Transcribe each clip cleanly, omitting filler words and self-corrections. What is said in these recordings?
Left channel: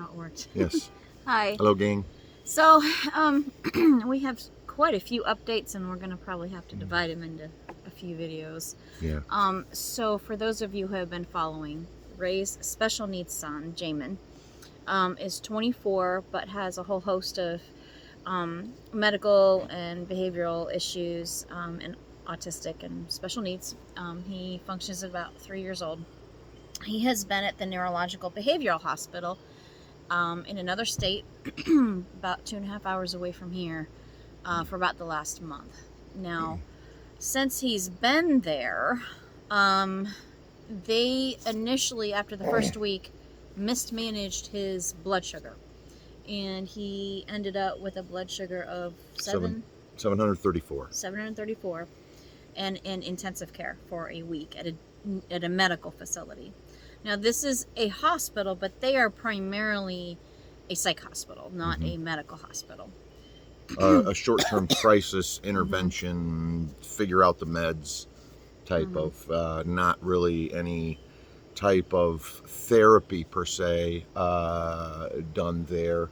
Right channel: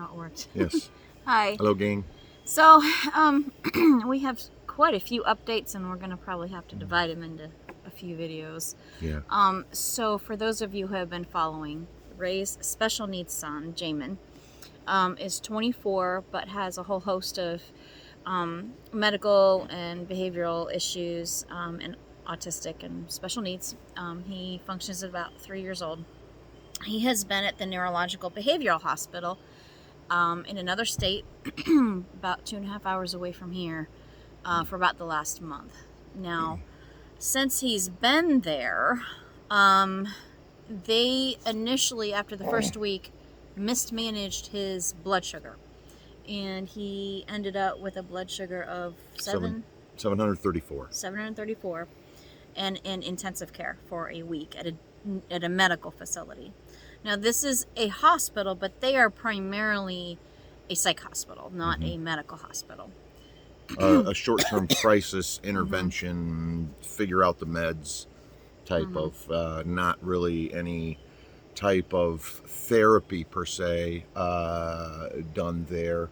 now it worked. Yes. Hi. Hello, gang. So, we have quite a few updates, and we're going to probably have to divide them into a few videos. Yeah. So for those of you who have been following, Ray's special needs son, Jamin, is 24, but has a whole host of medical and behavioral issues, and autistic and special needs. He functions at about 3 years old. He has been at the Neurological Behavioral Hospital in another state, about 2.5 hours away from here, for about the last month. Now, since he's been there, they initially, after the first week, mismanaged his blood sugar. And he ended up with a blood sugar of 734. And in intensive care for a week at a medical facility. Now, this is a hospital, but they are primarily a psych hospital, not a medical hospital. A short-term crisis intervention, figure out the meds type of, not really any type of therapy per se done there.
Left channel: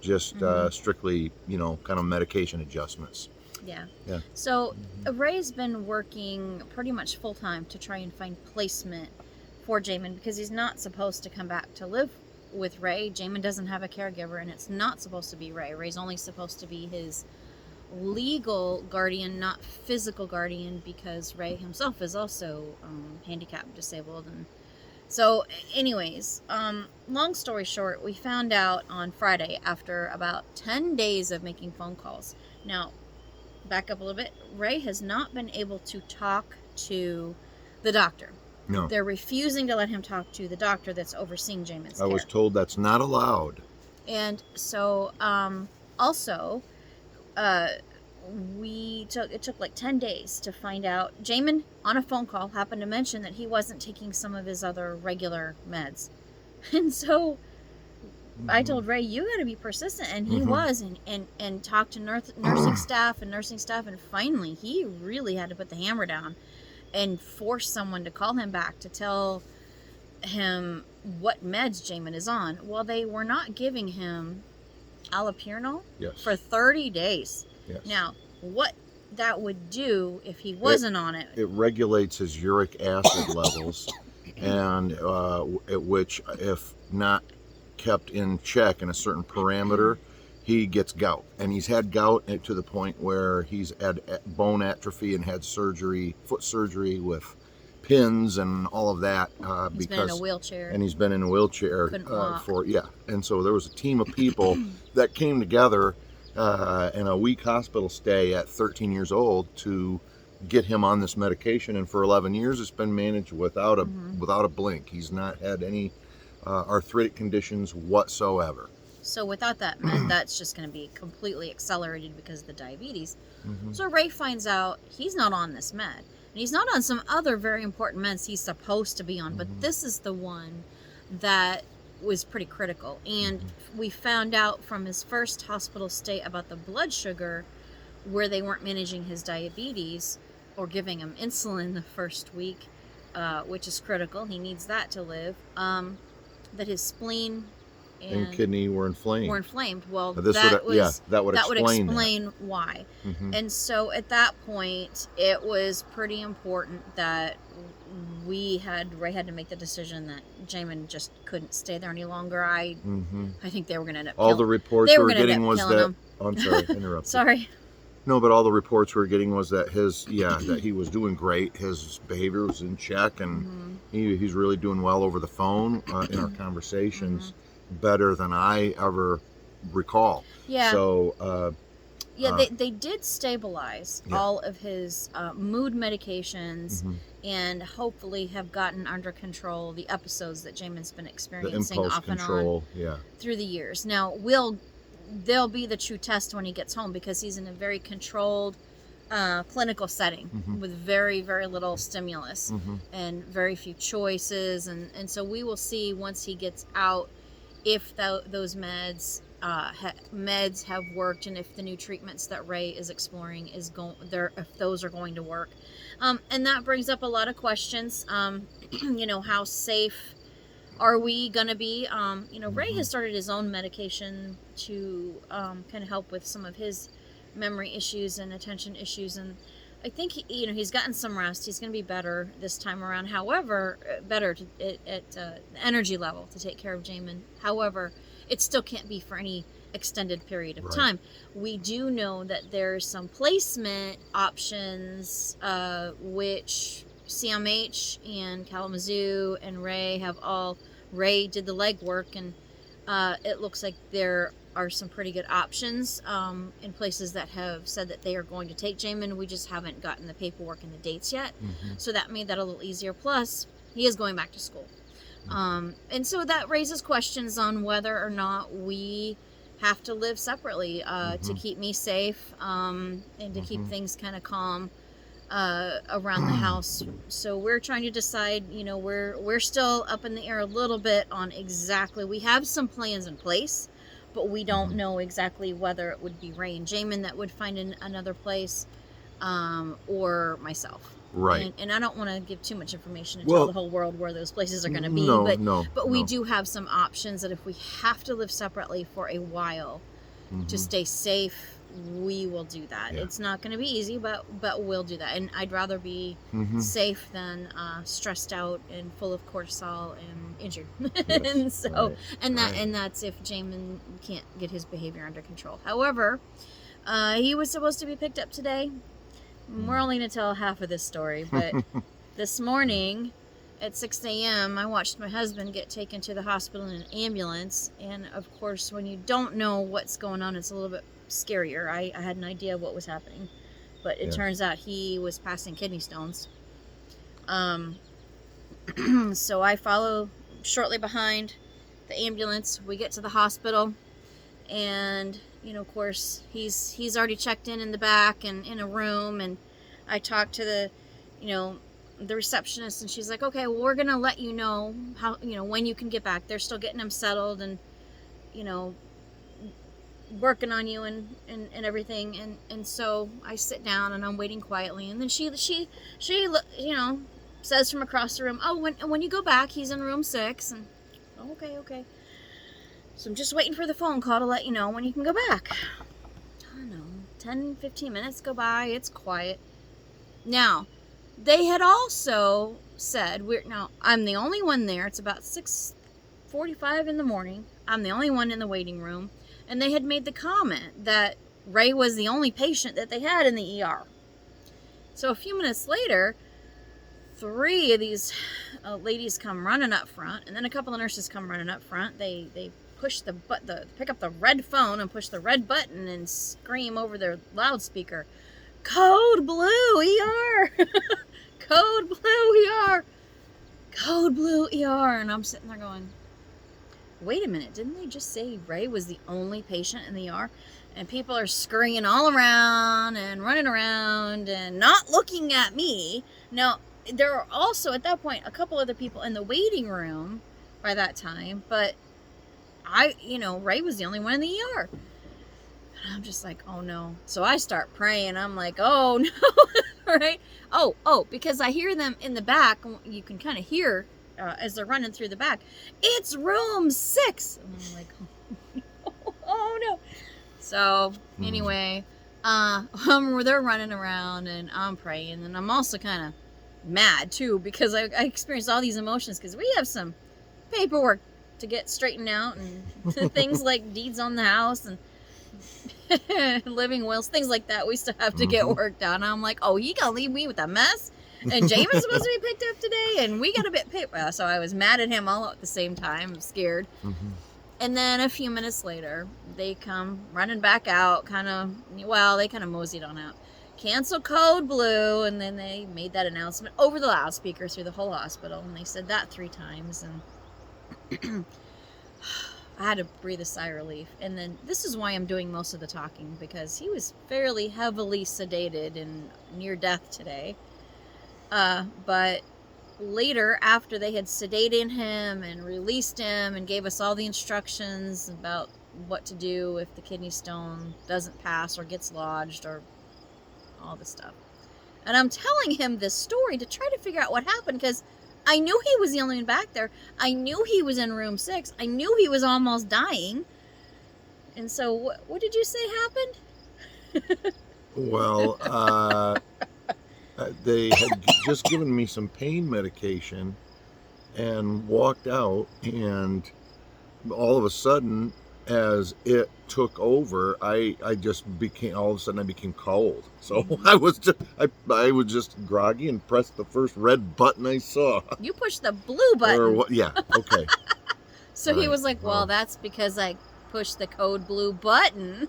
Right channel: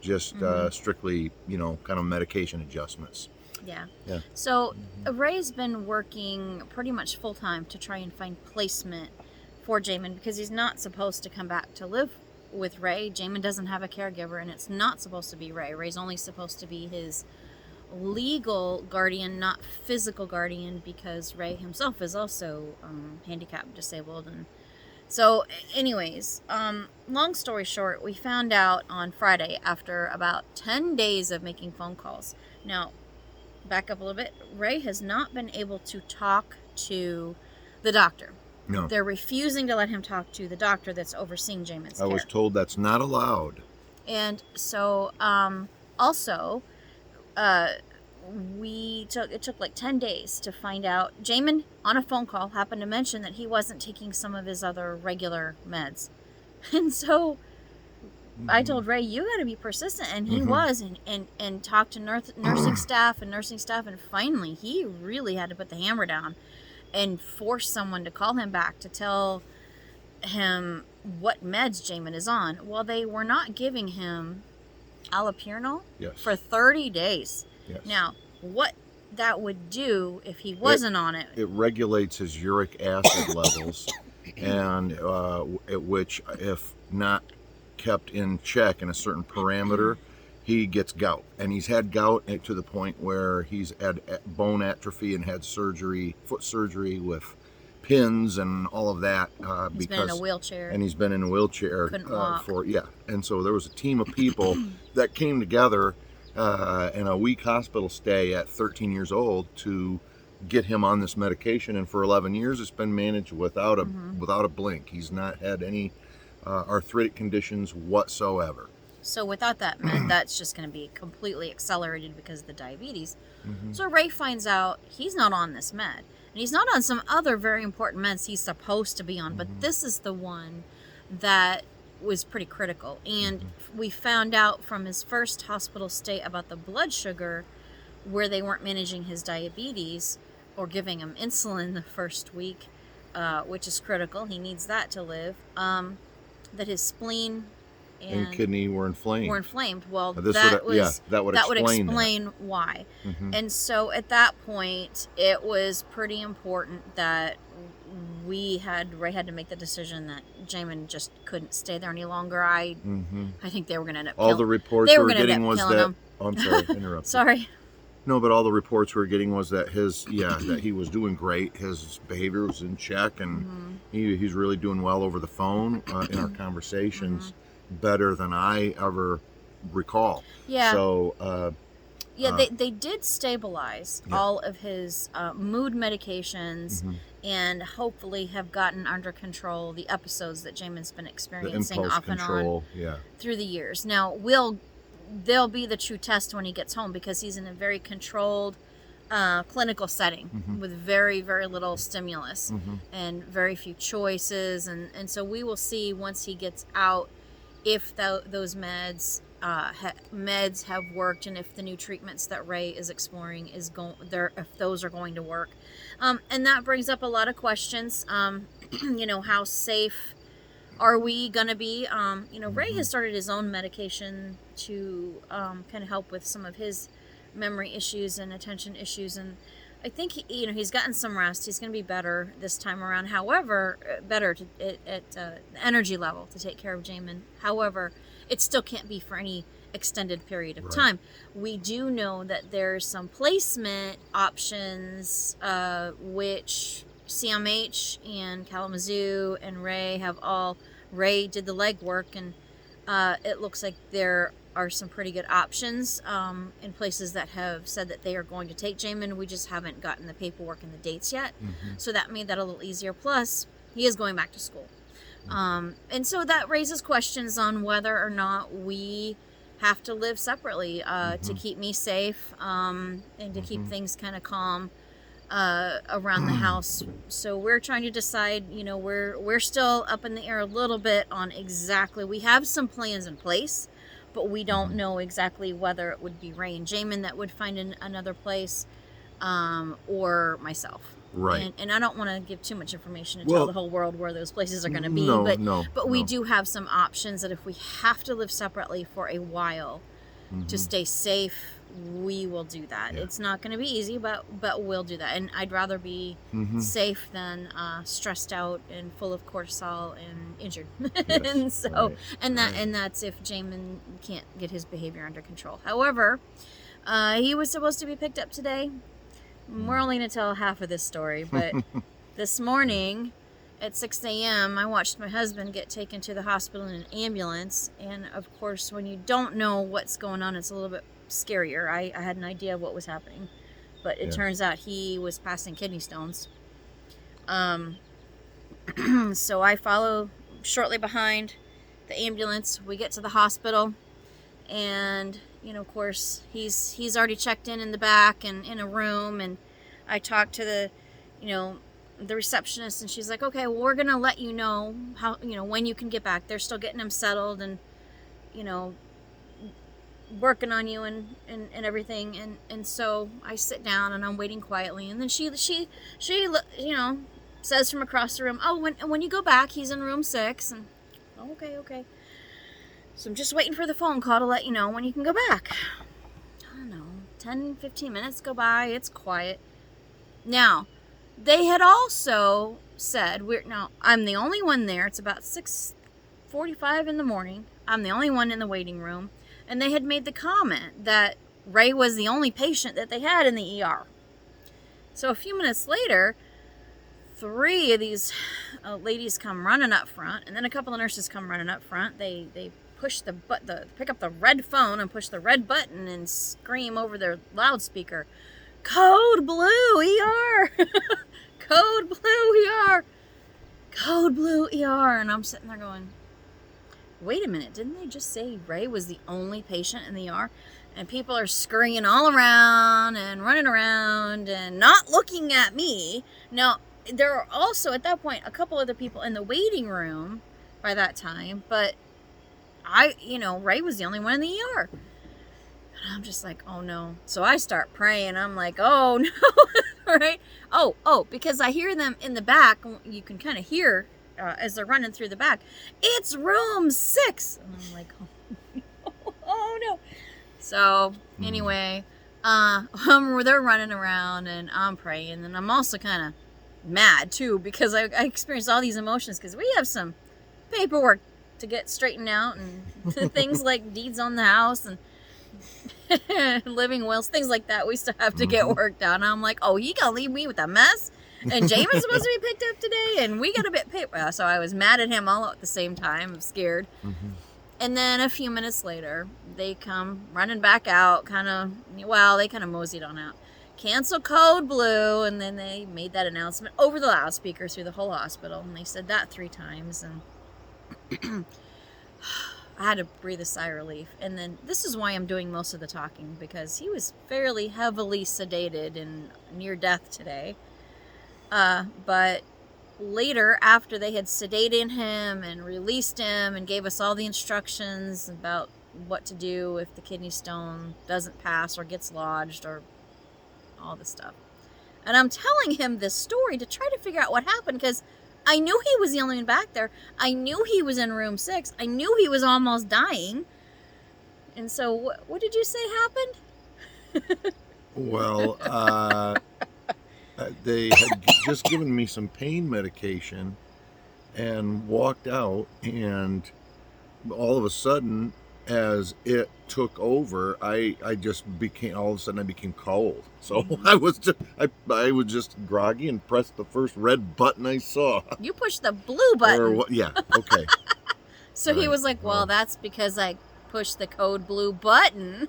Just strictly, kind of medication adjustments. Yeah. Yeah. So Ray's been working pretty much full-time to try and find placement for Jamin, because he's not supposed to come back to live with Ray. Jamin doesn't have a caregiver, and it's not supposed to be Ray. Ray's only supposed to be his legal guardian, not physical guardian, because Ray himself is also handicapped, disabled. And so anyways, long story short, we found out on Friday after about 10 days of making phone calls. Now, back up a little bit. Ray has not been able to talk to the doctor. No. They're refusing to let him talk to the doctor that's overseeing Jamin's care. I was told that's not allowed. And so, also, it took like 10 days to find out. Jamin, on a phone call, happened to mention that he wasn't taking some of his other regular meds. And so I told Ray, you got to be persistent. And he was, and talked to nursing staff, and finally he really had to put the hammer down and force someone to call him back to tell him what meds Jamin is on. Well, they were not giving him allopurinol for 30 days. Yes. Now, what that would do if he wasn't on it? It regulates his uric acid levels, and at which, if not kept in check in a certain parameter, he gets gout. And he's had gout to the point where he's had bone atrophy and had foot surgery with pins and all of that. He's been in a wheelchair. And he's been in a wheelchair Couldn't walk. And so there was a team of people that came together in a week hospital stay at 13 years old to get him on this medication. And for 11 years, it's been managed without a blink. He's not had any arthritic conditions whatsoever. So without that med, that's just going to be completely accelerated because of the diabetes. So Ray finds out he's not on this med. And he's not on some other very important meds he's supposed to be on. But this is the one that was pretty critical. And we found out from his first hospital stay about the blood sugar, where they weren't managing his diabetes or giving him insulin the first week, which is critical. He needs that to live. That his spleen and kidney were inflamed. Well, that would explain why. And so at that point, it was pretty important that Ray had to make the decision that Jamin just couldn't stay there any longer. I think they were going to end up all the reports we were getting was that I'm sorry, interrupt. Sorry. No, but all the reports we were getting was that that he was doing great. His behavior was in check, and he's really doing well over the phone in our conversations, better than I ever recall. Yeah. So. They did stabilize all of his mood medications and hopefully have gotten under control the episodes that Jamin's been experiencing the impulse off control, and on through the years. Now, they'll be the true test when he gets home, because he's in a very controlled clinical setting with very, very little stimulus and very few choices. And so we will see once he gets out if those meds have worked, and if the new treatments that Ray is exploring if those are going to work. And that brings up a lot of questions. How safe Are we gonna be, Ray Mhm. has started his own medication to kind of help with some of his memory issues and attention issues, and I think he's gotten some rest. He's gonna be better this time around. However, better at the energy level to take care of Jamin. However, it still can't be for any extended period of Right. time. We do know that there's some placement options, which CMH and Kalamazoo and Ray have all. Ray did the legwork, and it looks like there are some pretty good options in places that have said that they are going to take Jamin. We just haven't gotten the paperwork and the dates yet. Mhm. So that made that a little easier. Plus, he is going back to school. And so that raises questions on whether or not we have to live separately to keep me safe and to keep things kind of calm around the house. So we're trying to decide, we're still up in the air a little bit on exactly. We have some plans in place, but we don't know exactly whether it would be Ray and Jamin that would find another place, or myself. Right. And I don't want to give too much information and Well, tell the whole world where those places are going to be. No, but we do have some options that if we have to live separately for a while to stay safe, we will do that. Yeah. It's not going to be easy, but we'll do that. And I'd rather be safe than stressed out and full of cortisol and injured. Yes, and so, right, and that's if Jamin can't get his behavior under control. However, he was supposed to be picked up today. We're only going to tell half of this story, but this morning at 6 a.m., I watched my husband get taken to the hospital in an ambulance. And of course, when you don't know what's going on, it's a little bit scarier. I had an idea of what was happening, but it turns out he was passing kidney stones. So I follow shortly behind the ambulance. We get to the hospital, and of course he's already checked in the back and in a room, and I talked to the receptionist, and she's like, okay, well, we're gonna let you know how when you can get back. They're still getting him settled and working on you and everything, and so I sit down and I'm waiting quietly, and then she says from across the room, oh, when you go back, he's in room 6, and okay. So I'm just waiting for the phone call to let you know when you can go back. I don't know, 10-15 minutes go by, it's quiet. Now, they had also said, I'm the only one there. It's about 6:45 in the morning. I'm the only one in the waiting room. And they had made the comment that Ray was the only patient that they had in the ER. So a few minutes later, 3 of these ladies come running up front, and then a couple of nurses come running up front. They push pick up the red phone and push the red button and scream over their loudspeaker, "Code Blue ER!" Code Blue ER! Code Blue ER! And I'm sitting there going, wait a minute, didn't they just say Ray was the only patient in the ER? And people are scurrying all around and running around and not looking at me. Now, there are also, at that point, a couple other people in the waiting room by that time, but Ray was the only one in the ER. And I'm just like, oh no. So I start praying. I'm like, oh no, right? Oh, because I hear them in the back. You can kind of hear as they're running through the back, it's room 6. And I'm like, oh no. So anyway, they're running around and I'm praying, and I'm also kind of mad too, because I experienced all these emotions because we have some paperwork to get straightened out, and things like deeds on the house and living wills, things like that we still have to get worked out. And I'm like, oh, he gonna leave me with a mess? And Jamin's supposed to be picked up today, and we got a bit paper. So I was mad at him all at the same time. I'm scared. And then a few minutes later, they come running back out, they kind of moseyed on out. Cancel Code Blue, and then they made that announcement over the loudspeaker through the whole hospital, and they said that 3 times, and I had to breathe a sigh of relief. And then this is why I'm doing most of the talking, because he was fairly heavily sedated and near death today. But later, after they had sedated him and released him and gave us all the instructions about what to do if the kidney stone doesn't pass or gets lodged or all this stuff. And I'm telling him this story to try to figure out what happened, because I knew he was the only one back there. I knew he was in room 6. I knew he was almost dying. And so, what did you say happened? Well, they had just given me some pain medication and walked out, and all of a sudden, as it took over, I just became, all of a sudden I became cold. So I was just groggy and pressed the first red button I saw. You pushed the blue button. Or what? Yeah. Okay. So he Right. was like, well, Oh. that's because I pushed the code blue button.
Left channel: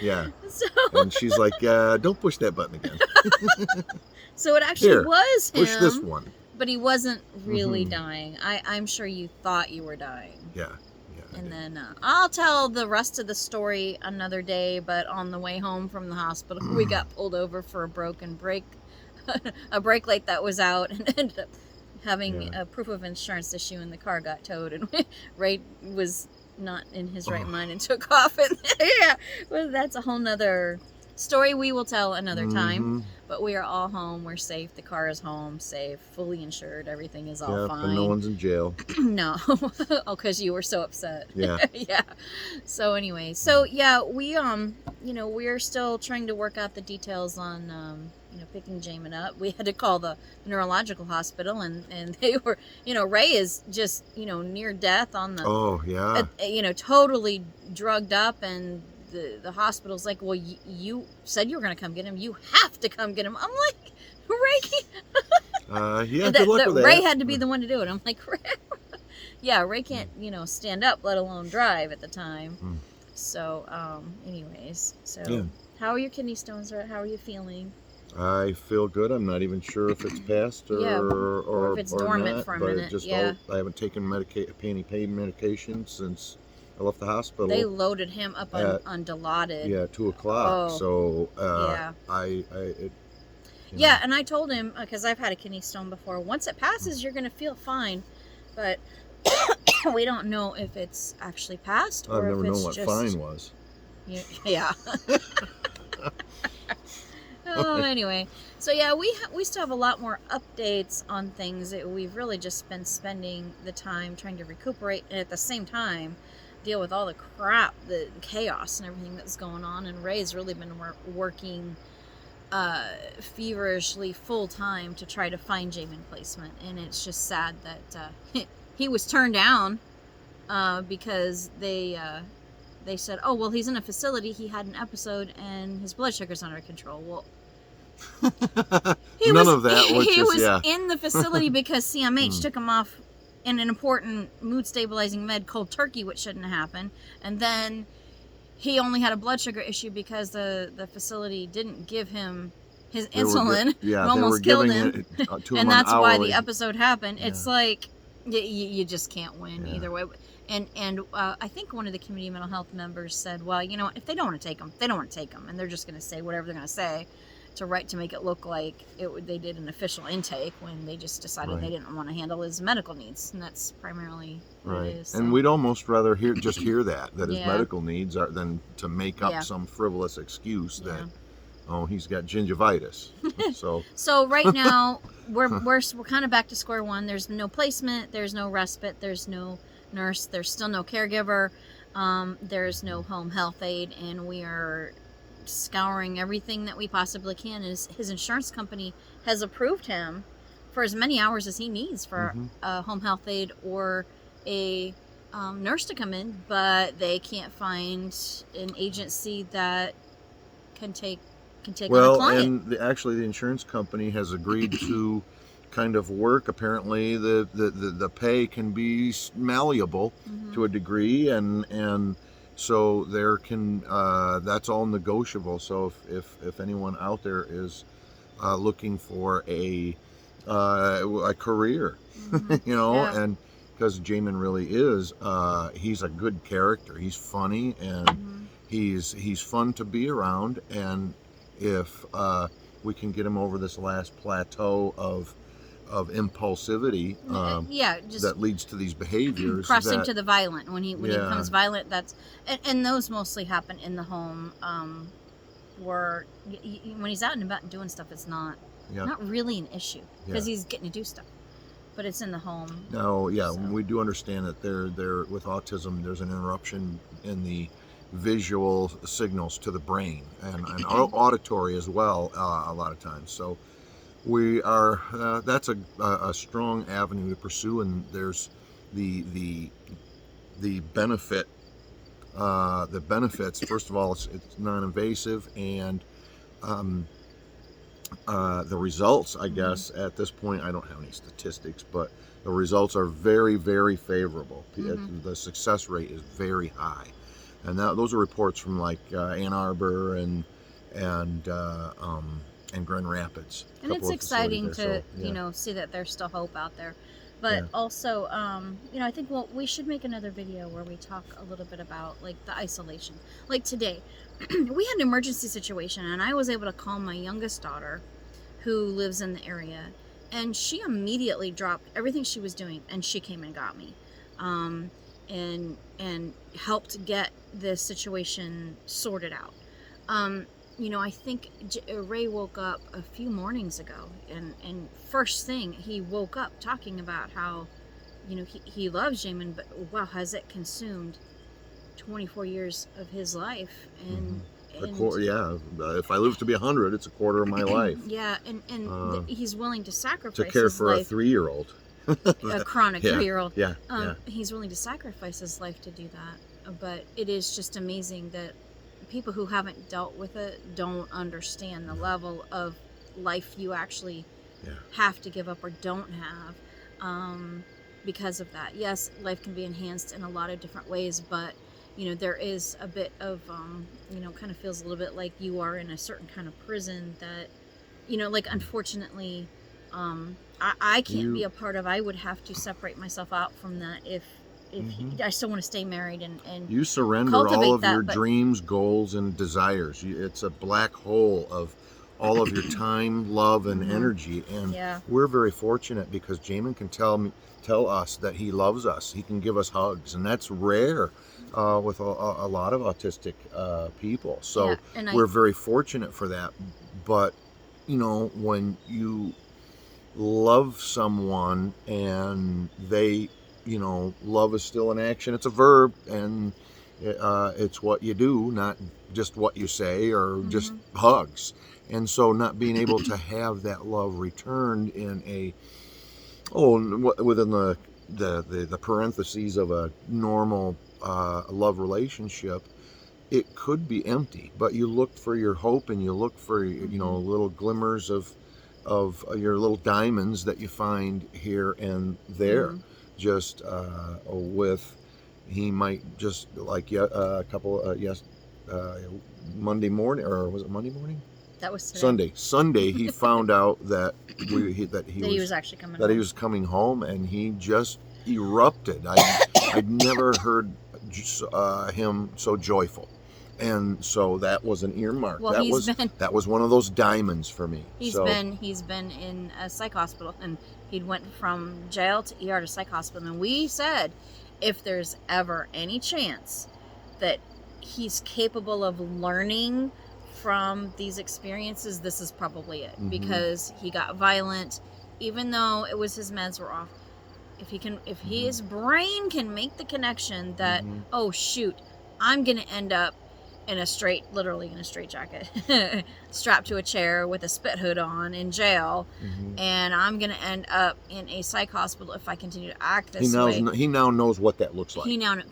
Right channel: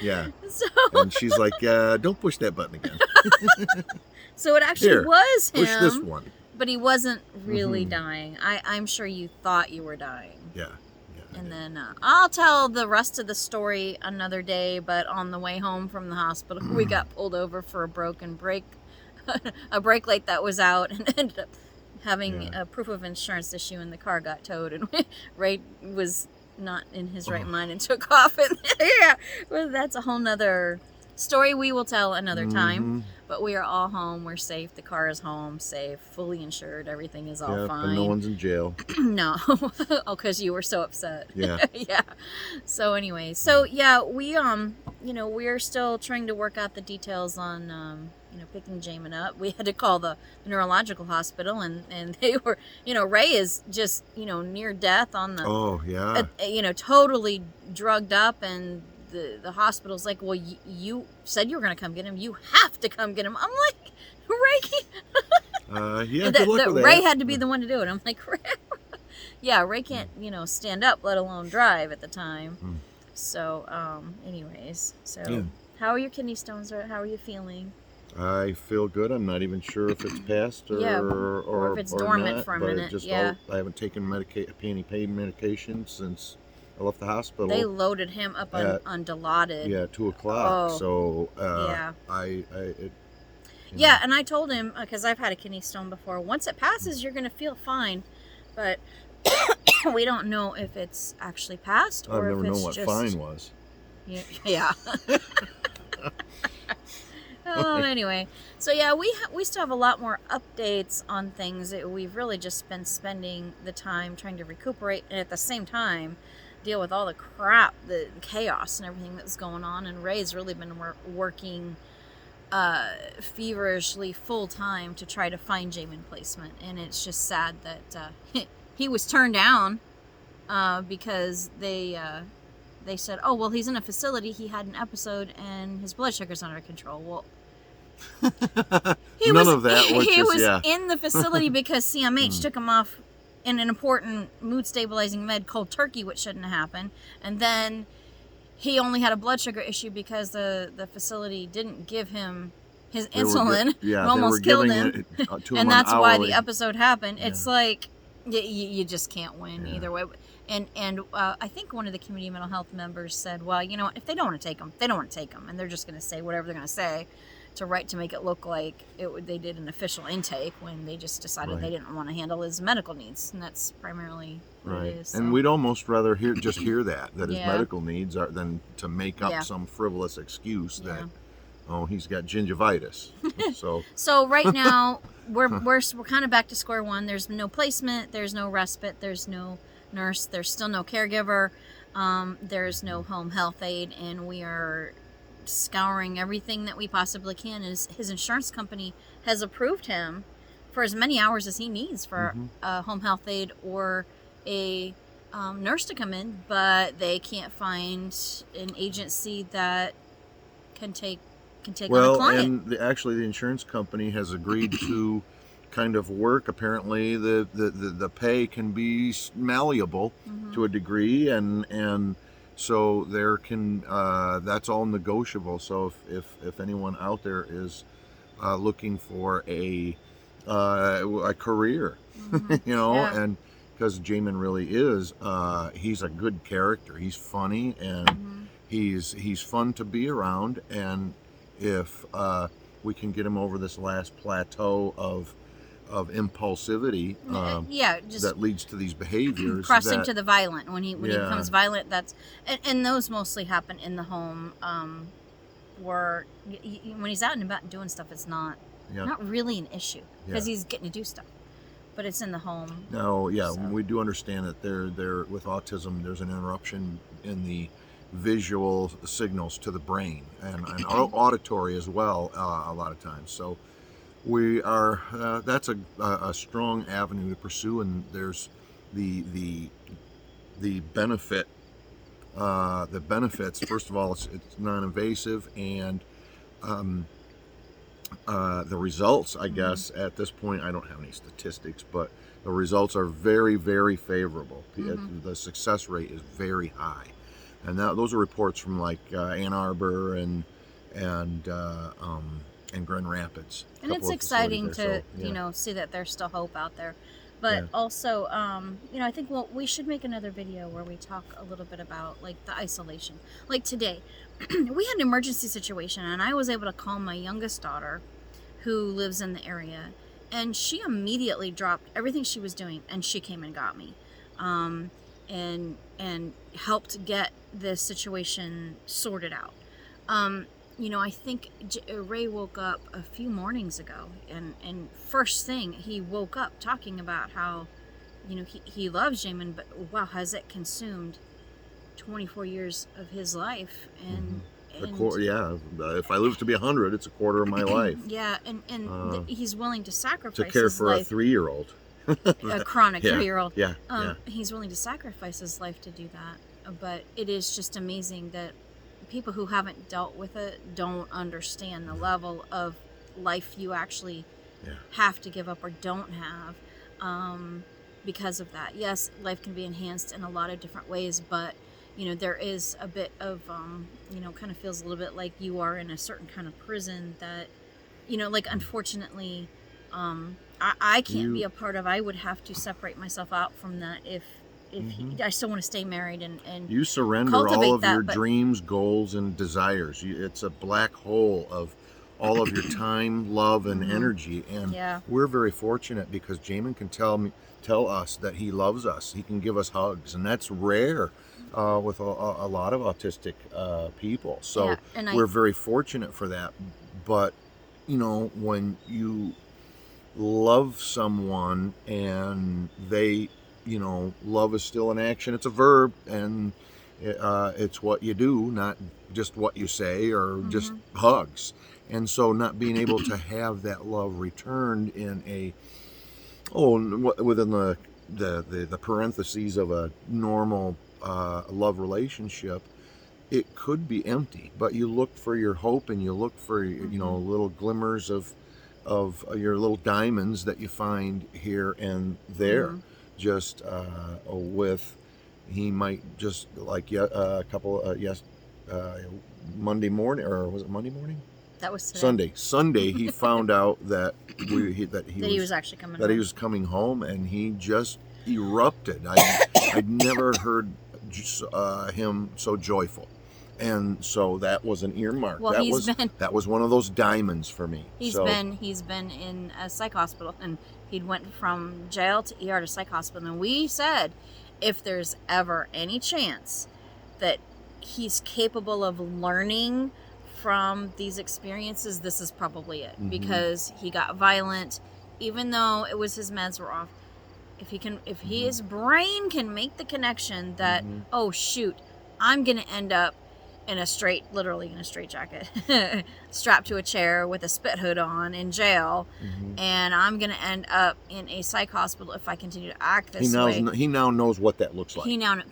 Yeah. So, And she's like, "Don't push that button again. so it actually Here, was him. Push this one." But he wasn't really Mhm. dying. I'm sure you thought you were dying. Yeah. Yeah. I And did. then I'll tell the rest of the story another day. But on the way home from the hospital, we got pulled over for a broken brake, a brake light that was out, and ended up having Yeah. a proof of insurance issue, and the car got towed. And Ray was not in his right Oh. mind and took off. And yeah, well, that's a whole nother story we will tell another time. Mhm. But we are all home. We're safe. The car is home, safe, fully insured. Everything is all Yeah, fine. but no one's in jail. No. Oh, because you were so upset. Yeah. Yeah. So anyway, so yeah, we we're still trying to work out the details on picking Jamin up. We had to call the neurological hospital, and they were, Ray is just near death on the Oh yeah. totally drugged up, and the hospital's like, well, you said you were going to come get him. You have to come get him. I'm like, Ray. Yeah. Good luck with that. Ray had to be the one to do it. I'm like, Ray. Yeah, Ray can't, stand up, let alone drive at the time. Mm. So, anyways, so Yeah. how are your kidney stones? How are you feeling? I feel good. I'm not even sure if it's passed or Yeah, or if it's dormant not, for a but minute, just yeah. I haven't taken pain medication since I left the hospital. They loaded him up on Dilaudid. Yeah, 2:00. Oh, So yeah. Yeah. And I told him, because I've had a kidney stone before, once it passes, you're going to feel fine. But we don't know if it's actually passed or I've never if known it's what just... fine was. Yeah. Oh, anyway. So, yeah, we still have a lot more updates on things. We've really just been spending the time trying to recuperate and at the same time deal with all the crap, the chaos and everything that's going on. And Ray's really been working feverishly full time to try to find Jamin placement. And it's just sad that he was turned down because they said, oh, well, he's in a facility. He had an episode and his blood sugar's under control. Well, None of that, which he is, was yeah. in the facility because CMH took him off in an important mood stabilizing med called Turkey, which shouldn't have happened. And then he only had a blood sugar issue because the facility didn't give him his insulin. They were almost killed giving him. it to him And that's on why hourly. the episode happened. It's Yeah. like you just can't win Yeah. either way. And I think one of the community mental health members said, well, if they don't want to take them, they don't want to take them, and they're just going to say whatever they're going to say to make it look like they did an official intake when they just decided Right. they didn't want to handle his medical needs, and that's primarily what Right, it is. and so. we'd almost rather hear his Yeah. medical needs are than to make up Yeah. some frivolous excuse Yeah. that he's got gingivitis. So So right now we're kind of back to square one. There's no placement, there's no respite, there's no nurse, there's still no caregiver, there's no home health aide, and we are scouring everything that we possibly can. His insurance company has approved him for as many hours as he needs for a home health aide or a nurse to come in, but they can't find an agency that can take on a well, client. and actually the insurance company has agreed to kind of work. Apparently the pay can be malleable Mhm. to a degree, and so there can that's all negotiable. So if anyone out there is looking for a career, Mhm. Yeah. and because Jamin really is, he's a good character. He's funny and Mhm. he's fun to be around. And if we can get him over this last plateau of impulsivity Yeah, just that leads to these behaviors, crossing that, to the violent. When he Yeah. becomes violent, that's and those mostly happen in the home. Where when he's out and about doing stuff, it's not Yeah. Not really an issue because Yeah. he's getting to do stuff, but it's in the home. No, yeah, So. we do understand that there with autism, there's an interruption in the visual signals to the brain and auditory as well a lot of times. So we are that's a strong avenue to pursue, and there's the the benefit the benefits. First of all, it's non-invasive, and um, the results, I guess, at this point, I don't have any statistics, but the results are very, very favorable. The success rate is very high, and those are reports from like Ann Arbor and Grand Rapids. And it's exciting to see that there's still hope out there. But also, I think we should make another video where we talk a little bit about like the isolation. Like today, we had an emergency situation, and I was able to call my youngest daughter, who lives in the area, and she immediately dropped everything she was doing, and she came and got me, and helped get the situation sorted out. I think Ray woke up a few mornings ago, and first thing he woke up talking about how, he loves Jamin, but wow, has it consumed 24 years of his life, and if I live to be 100, it's a quarter of my life. Yeah, and he's willing to sacrifice to care his for life, a 3-year-old, a chronic 3-year-old. Yeah, he's willing to sacrifice his life to do that. But it is just amazing that people who haven't dealt with it don't understand the level of life you actually have to give up or don't have because of that. Yes, life can be enhanced in a lot of different ways, but there is a bit of kind of feels a little bit like you are in a certain kind of prison that like unfortunately I can't be a part of. I would have to separate myself out from that if I still want to stay married and you surrender all of your dreams, goals, and desires. It's a black hole of all of your time, love, and energy. And we're very fortunate because Jamin can tell us that he loves us. He can give us hugs, and that's rare with a lot of autistic people. So we're very fortunate for that. But when you love someone and they love is still an action. It's a verb, and it's what you do, not just what you say or just hugs. And so not being able to have that love returned in within the parentheses of a normal love relationship, it could be empty. But you look for your hope, and you look for little glimmers of your little diamonds that you find here and there. Just he might just like a couple Monday morning, or was it Monday morning? That was today. Sunday he found out that he was coming home, and he just erupted. I'd never heard him so joyful, and so that was an earmark. Well, that was one of those diamonds for me. He's been in a psych hospital, and he went from jail to ER to psych hospital, and we said if there's ever any chance that he's capable of learning from these experiences, this is probably it, because he got violent, even though it was his meds were off. If his brain can make the connection that oh shoot, I'm gonna end up literally in a straitjacket, strapped to a chair with a spit hood on in jail, and I'm going to end up in a psych hospital if I continue to act this way. He now knows what that looks like. He knows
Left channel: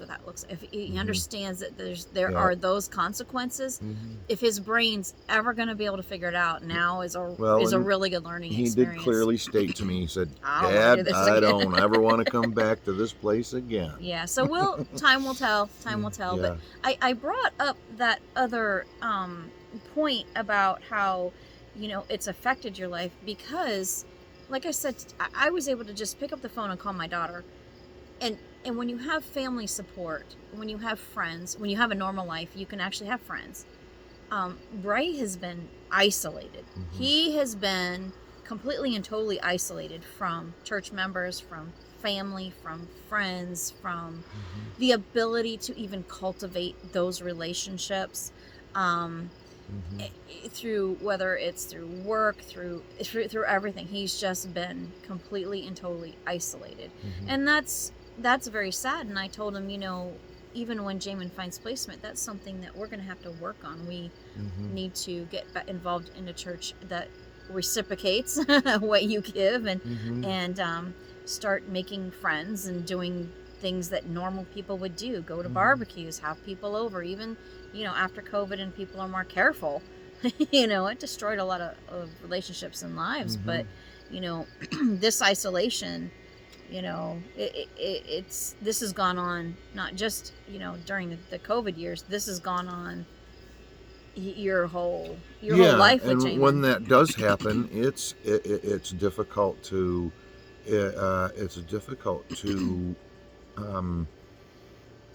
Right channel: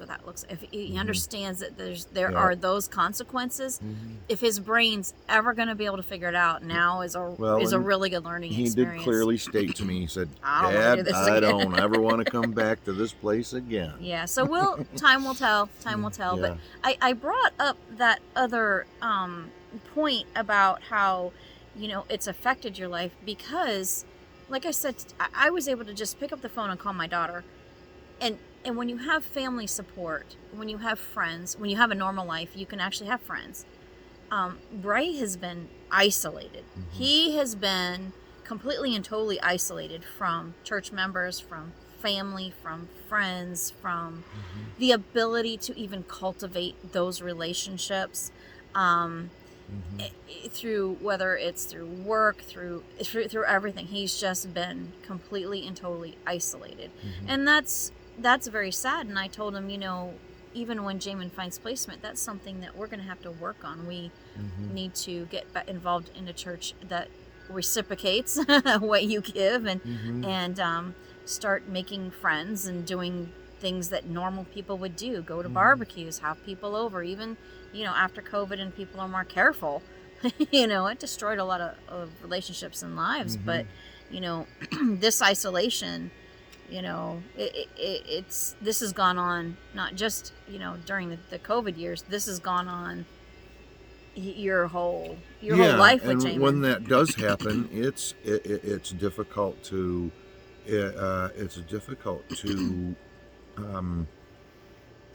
what that looks like. If he understands that there are those consequences. If his brain's ever going to be able to figure it out, now is a really good learning experience. He did clearly state to me, he said, Dad, I don't ever want to come back to this place again. Yeah, so time will tell. But I brought up that other point about how it's affected your life because, like I said, I was able to just pick up the phone and call my daughter, and when you have family support, when you have friends, when you have a normal life, you can actually have friends. Bray has been isolated. He has been completely and totally isolated from church members, from family, from friends, from the ability to even cultivate those relationships. through whether it's through work, through everything. He's just been completely and totally isolated, and that's very sad. And I told him, even when Jamin finds placement, that's something that we're going to have to work on. We need to get involved in a church that reciprocates what you give, and start making friends and doing things that normal people would do. Go to barbecues, have people over. Even after COVID and people are more careful, it destroyed a lot of relationships and lives. But this isolation, this has gone on not just during the COVID years. This has gone on your whole life with Jamin. And when that does happen, it's difficult to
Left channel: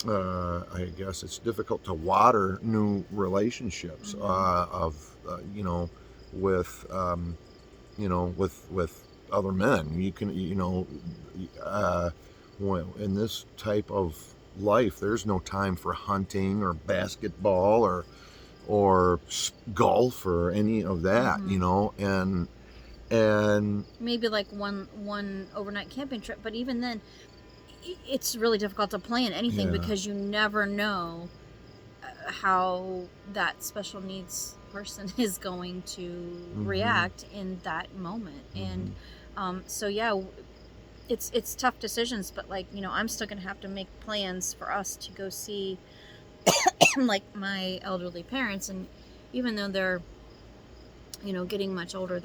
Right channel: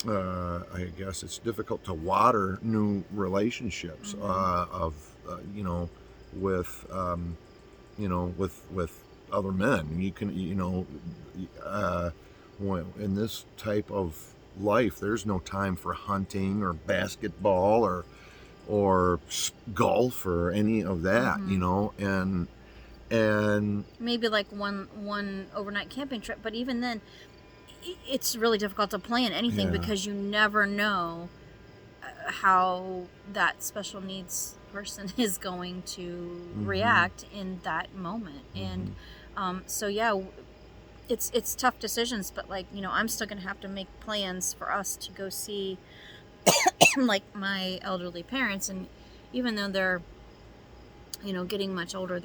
I guess it's difficult to water new relationships with other men. You can in this type of life, there's no time for hunting or basketball or golf or any of that, and maybe like one overnight camping trip, but even then it's really difficult to plan anything because you never know how that special needs person is going to react in that moment. And it's tough decisions, but I'm still gonna have to make plans for us to go see like my elderly parents. And even though they're getting much older,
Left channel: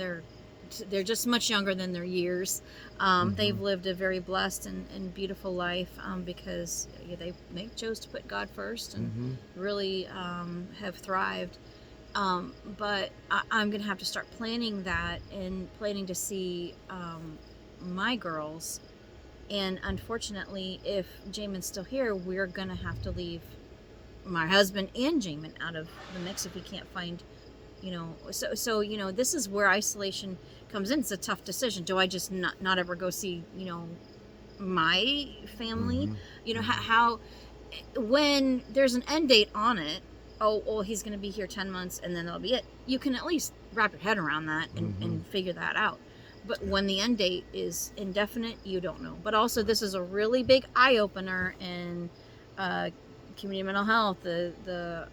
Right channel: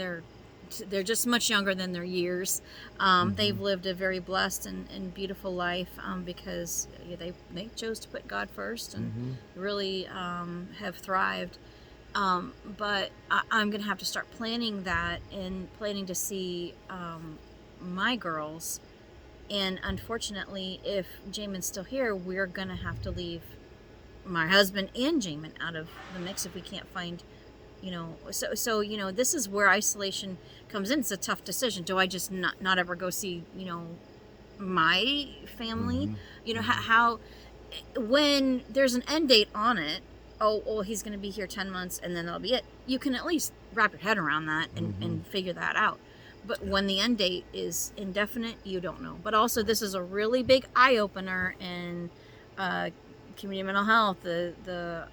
they're just much younger than their years. They've lived a very blessed and beautiful life because they chose to put God first and really have thrived. But I'm going to have to start planning that and planning to see my girls. And unfortunately, if Jamin's still here, we're going to have to leave my husband and Jamin out of the mix if we can't find, so this is where isolation comes in. It's a tough decision. Do I just not ever go see, my family? How when there's an end date on it, he's going to be here 10 months and then that'll be it. You can at least wrap your head around that and figure that out. But when the end date is indefinite, you don't know. But also, this is a really big eye-opener in community mental health. The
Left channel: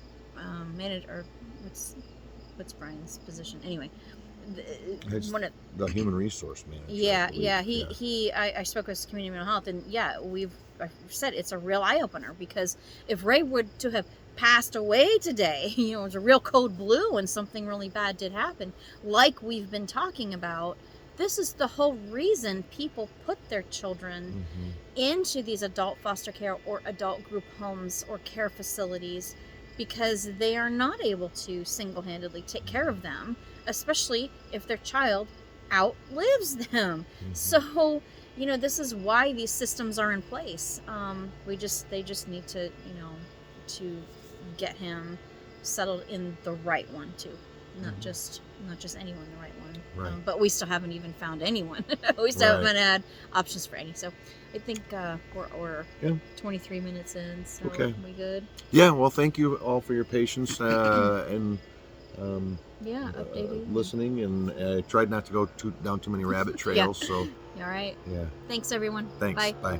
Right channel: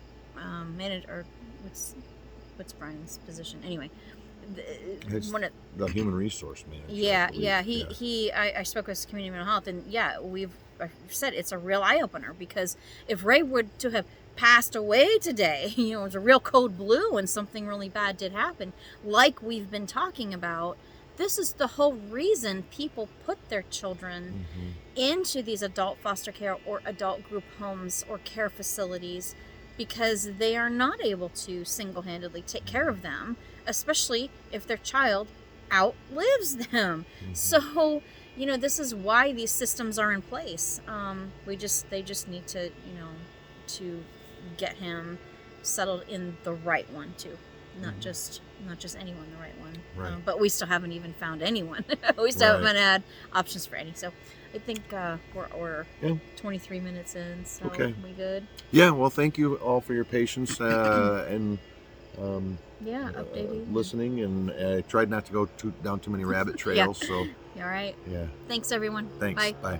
manager, what's Brian's position? Anyway, the human resource manager. I spoke with community mental health, and I've said it's a real eye-opener, because if Ray were to have passed away today, it was a real code blue and something really bad did happen, like we've been talking about. This is the whole reason people put their children into these adult foster care or adult group homes or care facilities, because they are not able to single-handedly take care of them, especially if their child outlives them. So, this is why these systems are in place. They just need to, to get him settled in the right one too. Not just anyone, the right one. Right. But we still haven't even found anyone. We still haven't had options for any. So I think we're 23 minutes in. So okay. We good? Yeah. Well, thank you all for your patience and listening. And I tried not to go down too many rabbit trails. So. All right. Yeah. Thanks, everyone. Thanks. Bye. Bye.